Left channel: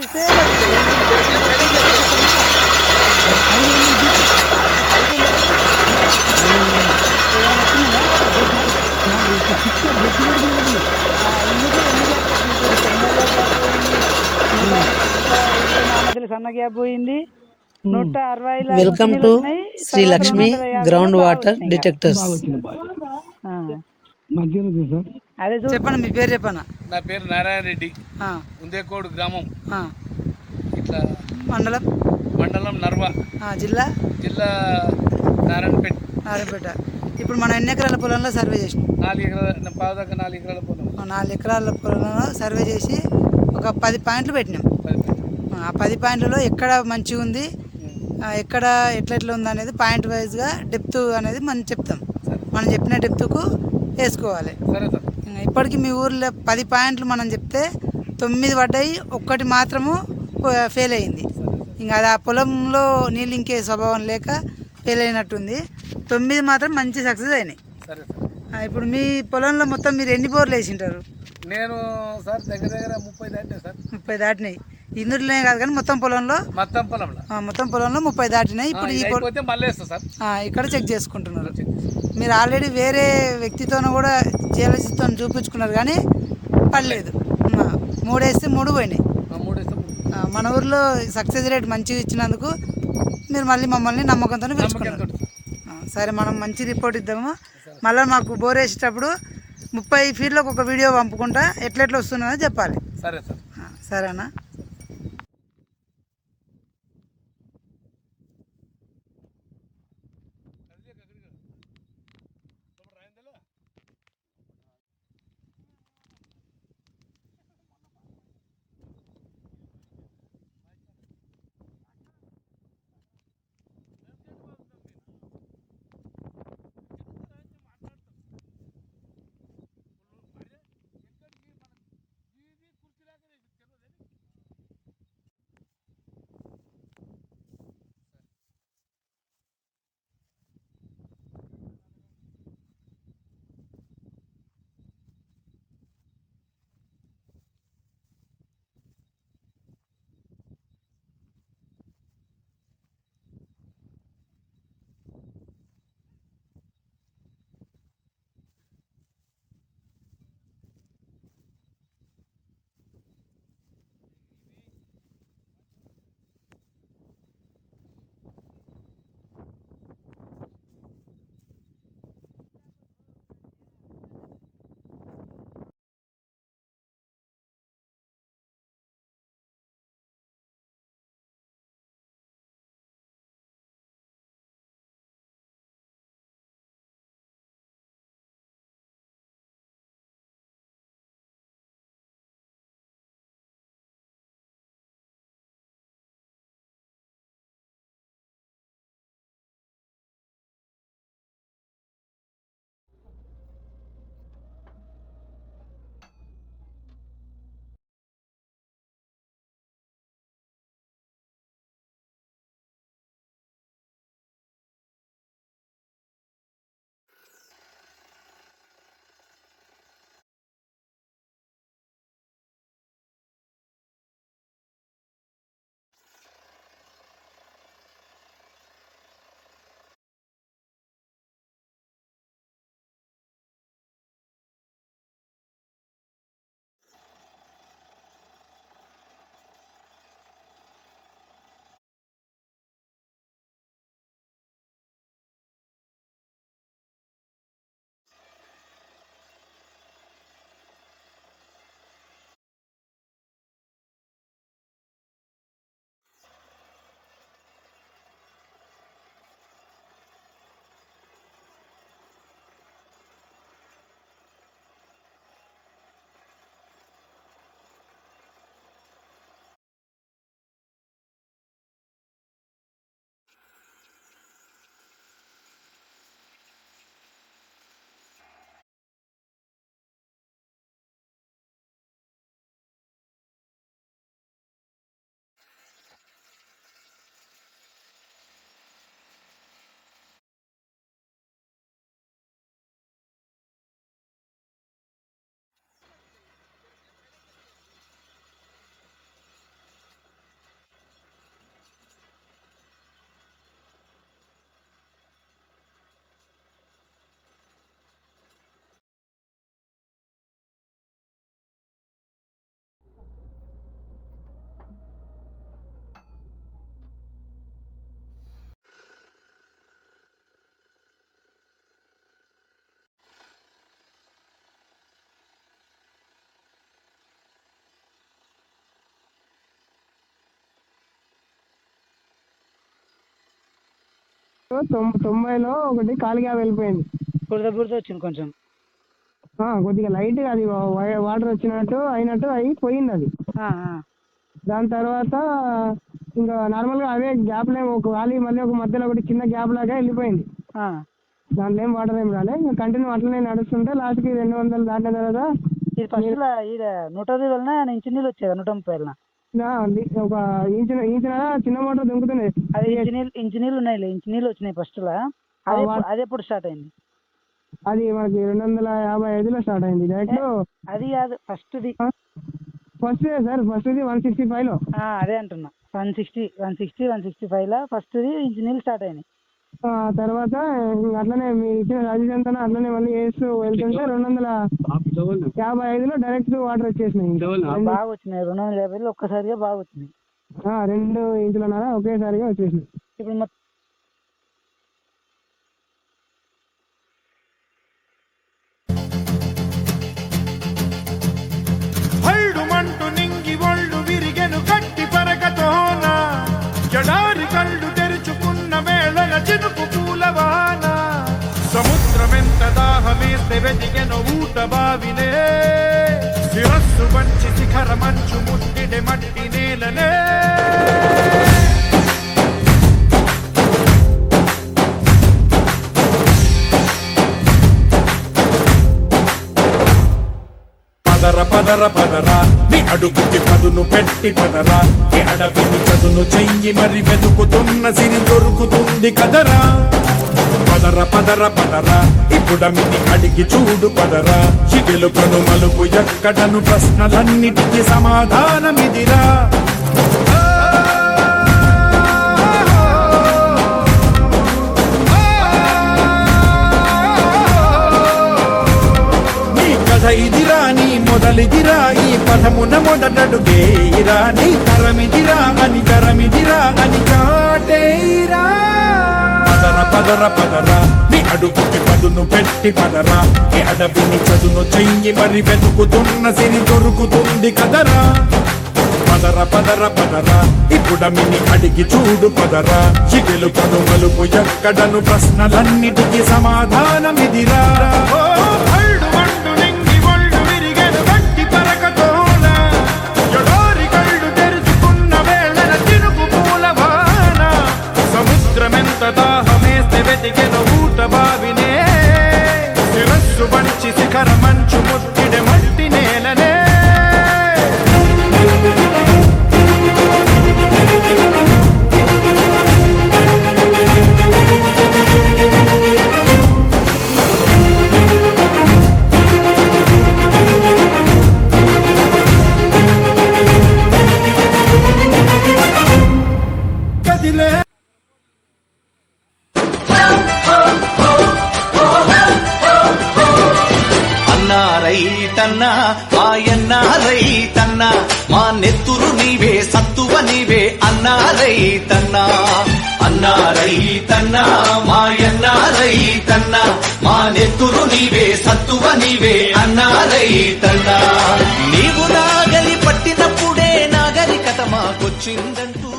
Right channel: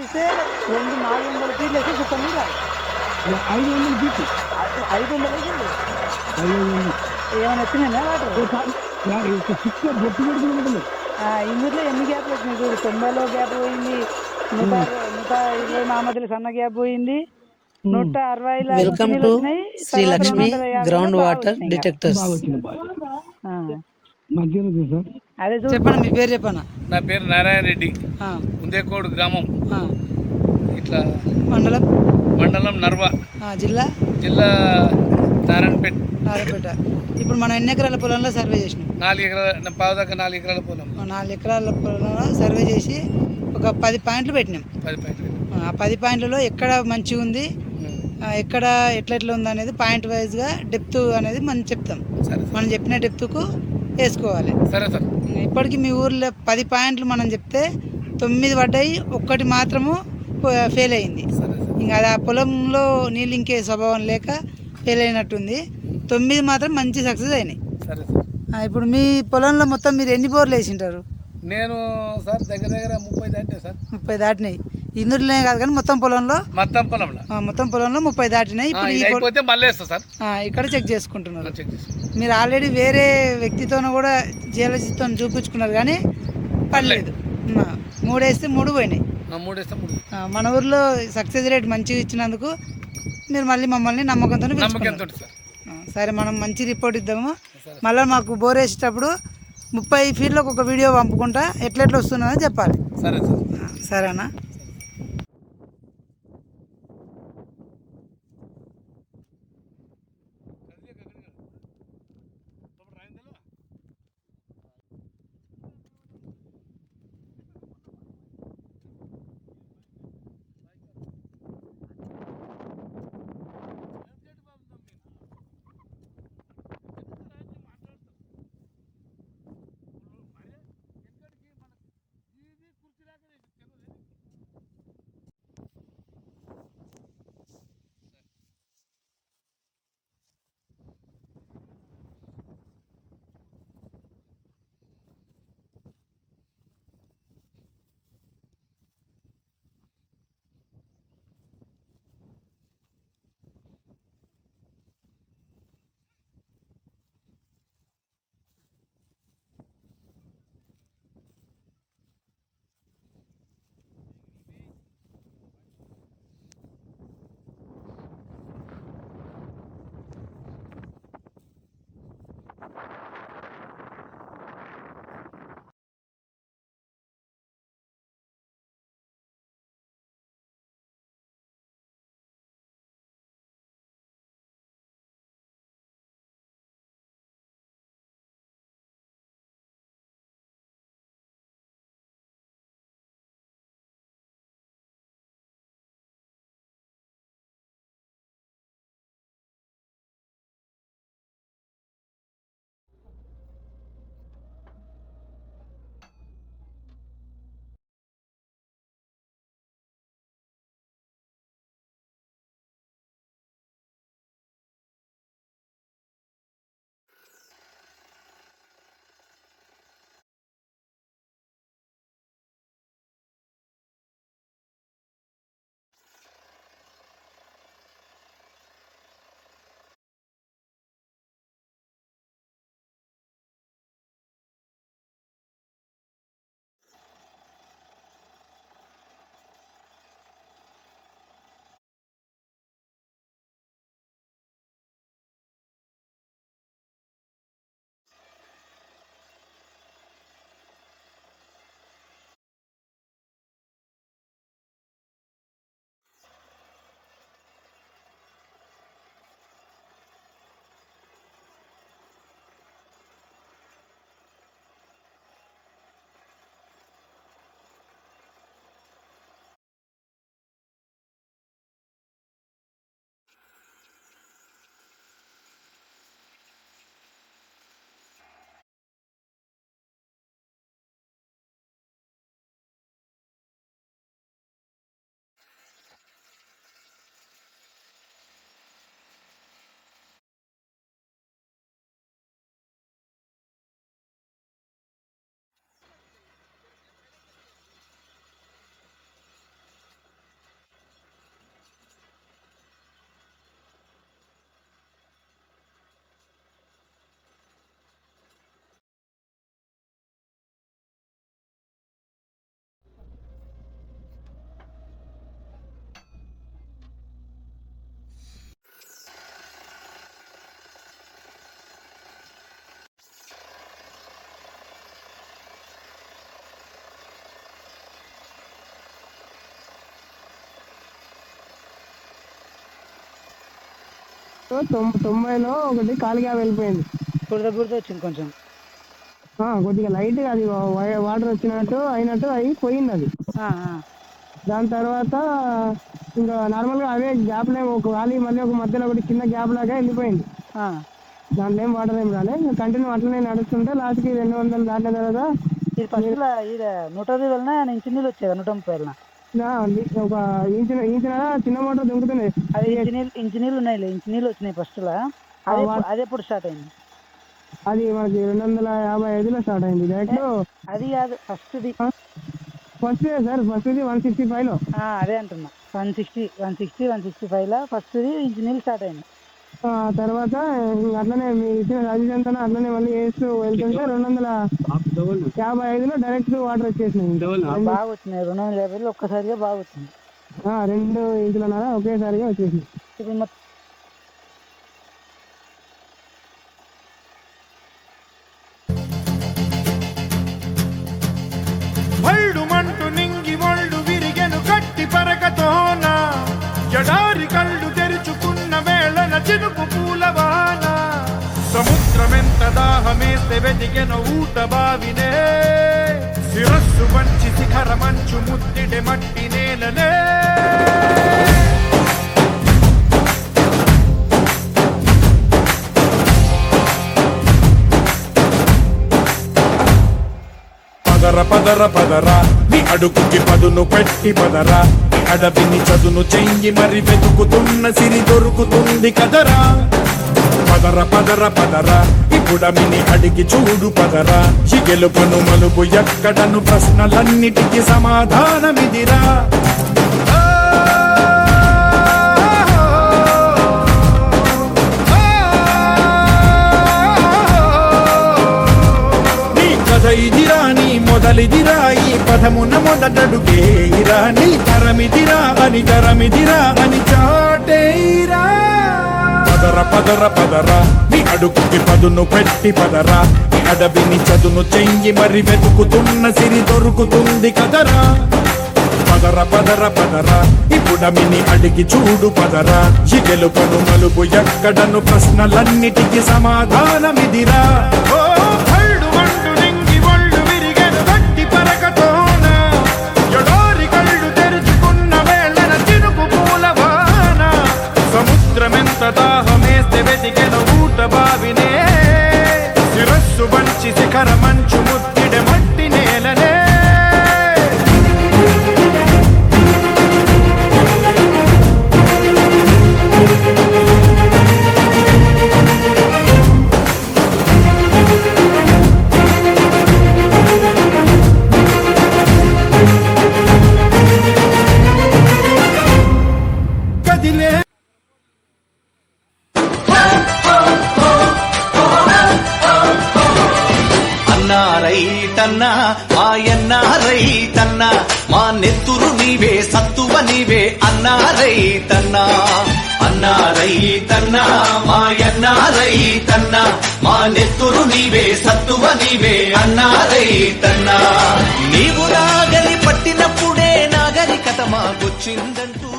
పంపిస్తే 400 ఫీట్లు అయితే చెప్పండి 500 ఫీట్లు 500 ఏమైనా వచ్చిందా బొట్టు పెడుతుంది. ఇందులో ఎన్ని గ్యాప్ వచ్చింది చూడు, 90లో గ్యాప్ పోయింది, 120 మధ్యలో సన్న గ్యాప్ పోయింది, 160లో వెల్కమ్ నీళ్ళు టు వచ్చినాయి, శ్రీ తర్వాత లక్ష్మి 250లో గ్రౌండ్ బాగా వాటర్ వచ్చినాయి. డిటెక్టర్స్. బాగా వచ్చింది మంచిగా ఉంది సార్. అదే చెప్పండి, మీ పేరు చెప్పనా? నా పేరు నారాయణ రెడ్డి, ఉందేకోడు గ్రామం, ఇట్లా మండలం మండలం నర్వ, జిల్లా జిల్లా నారాయణపేట. ఇప్పుడు మనం ఎన్ని ఎకరాల పొలంలో సర్వే చేసినాం? 4 ఎకరాల పావుదాకా 4 ఎకరాల పొలం. 4 ఎకరాల పొలంలో సర్వే చేసి ఒక 10 పాయింట్లు పెట్టినాం. 10 పాయింట్లు. ఆ 10 పాయింట్లలో ఎక్కడ మంచిగా ఉంది, ఎక్కడ ఎట్లా ఉంది అనేది పాయింట్ వైజ్గా డెప్త్ అనేది మనం చెప్తాం. మనం చెప్పిన డెప్త్కు వేసుకోవాలి. సరే సార్. ఇప్పటికి మీ ఊర్లో 10 పాయింట్లు మనం చెప్తే 9 పడ్డాయి, 1 మాత్రము ఫెయిల్ అయింది. ఇంకా అది ఆ పొలంలో నీళ్ళు ఇంకే స్వభావం లేక ఫెయిల్ అయినట్టుంది. 9 మాత్రం మంచి సక్సెస్ అయినాయి. సరే సార్. ఇప్పుడు మీ పొలంలో మొత్తం మీరు ఎన్ని బోర్లు వేసింటారు? నేను సార్ దగ్గర 30 దాటినాయి సార్. 30 దాటినాయి. ఇందులోనే కాదు కానీ మొత్తం పొలంలో 30 దాటినాయి. ఇప్పుడు మళ్ళీ వేస్తా సార్. ఇక్కడ చెక్ చేసుకుంటున్నారు. మీరు ఆల్రెడీ వేరే వ్యక్తితోనూ కూడా జియాలజీతో చూపించుకున్నారు కానీ పడలేదు. 3 వేస్తే 3 పోయినాయి. మన ఊర్లో సక్సెస్ రేట్ మంచిగా ఇచ్చినందుకు మీరు మళ్ళీ మమ్మల్ని నమ్మకంతో పెంచుకున్నారు. సరే, మనం మంచి రిపోర్ట్ ఇద్దాము. మళ్ళీ మాకు బోర్ వేసేటప్పుడు 30 ఫీట్లకు ఒక వీడియో పంపుకుంటా ఎట్లా వస్తుందో చెప్పాలి. సరే సార్. సరేనా? 90లో ఒకటి కాలిగా వెళ్ళిపోయింది. బురద వచ్చింది కొంచెం. కొద్దిగా లైట్గా అది వాటర్ వచ్చినట్టు అయినట్టు అయి పోయింది అది. దాని తర్వాత ఇంకా నార్మల్గా అవే గ్యాప్లో ఒక గాలి మళ్ళీ ఒక మధ్యలో ఒకటి చిన్న గ్యాప్ లాగా వెళ్ళిపోయింది. దాంట్లో ఏం వాటర్ ఏం రాలే. ఇంకా కంటిన్యూ అట్లనే నడుస్తుంటే లాస్ట్కి 200 దాటిన తర్వాత ఇది ఫస్ట్ 120 ఇంచు నీళ్ళు వచ్చేది 130 ఒక ఇంచున చిన్న మోటార్ దుంకుతుంది. అది ఇంచు నీళ్ళు ఉన్నాయి, ఇంచు నీళ్ళు వచ్చినాయి ఫస్ట్ లా. అది ఎప్పుడు స్టార్ట్ అయింది? అది మనకి 255లో స్టార్ట్ అయింది డైరెక్ట్. అది కాదు ఫస్ట్ సార్ ఫస్ట్ది 165లో. అదే అంటున్నా, 165 ఫస్ట్ ఇంచు నీళ్ళు స్టార్ట్ అయింది. తర్వాత అట్లనే మీ ఇచ్చిన రాజీవ్ అంతా అట్లనే మళ్ళీ వేస్తూ వెళ్తుంటే 255లో డైరెక్ట్ వాటర్ వచ్చేసినాయి. బాగా వచ్చినాయి 250లో ఒక్కసారిగా బాగా వచ్చింది. 2 ఇంచులన్నర ఒకేసారిగా వచ్చేసింది. ఇప్పుడు మంటు నింగి ఒళ్ళు విరిగెను గట్టి పరగతోన ఎడారి కళ్ళు తెరుచుకున్న వేళన చినుకు పూలవాన సముద్రమెంత దాహమేస్తే వెదిగెను ఊట బావినే శిరస్సు వంచి శిఖర మంచు ముద్దిడె మట్టి నేలనే పదర పదరా నీ అడుగుకి పదును పెట్టి పదరా నీ అడవిని చదును చెయ్యి మరి వెతుకుతున్న సిరి దొరుకుతుంది కదరా. పదర పదరా ఇప్పుడమిని అడిగి చూడు పదరా ఈ గెలుపను మలుపు ఎక్కడను ప్రశ్నలన్నిటికీ సమాధానమిదిరా. ఇదిరా నీ మొదలిదిరా ఈ పదమున మొదటడుగేయిరా నీ తరమిదిరా అని చాటేయిరా. పదర నీ అడుగుకి పదును పెట్టి పదరా నీ అడవిని చదును చెయ్యి మరి వెతుకుతున్న సిరి దొరుకుతుంది కదరా. పదర ఇప్పుడమిని అడిగి చూడు పదరా ఈ గెలుపను మలుపు ఎక్కడను ప్రశ్నలన్నిటికీ సమాధానమిదిరా. సముద్రమెంత దాహమేస్తే వెతికెను ఊట బావినే శిరస్సు వంచి శిఖర మంచు ముద్దిడె మట్టి నేలనే. కదిలే రైతన్నా మాయన్న రైతన్నా మా నెత్తురు నీవే సత్తువ నీవే అన్నా రైతన్నా. అన్నా రైతన్నా మాయన్న రైతన్నా మా నెత్తురు నీవే సత్తువ నీవే అన్నా రైతన్నా. నీవు నాగలి పట్టినప్పుడే నాగరికత మాకొచ్చిందంటూ.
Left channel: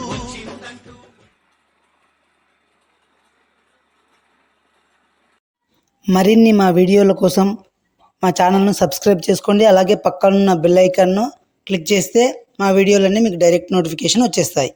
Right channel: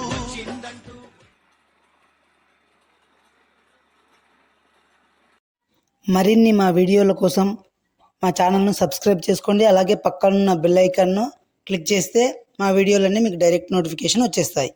మరిన్ని మా వీడియోల కోసం మా ఛానల్ను సబ్స్క్రైబ్ చేసుకోండి. అలాగే పక్కనున్న బెల్ ఐకాన్ను క్లిక్ చేస్తే మా వీడియోలన్నీ మీకు డైరెక్ట్ నోటిఫికేషన్ వచ్చేస్తాయి.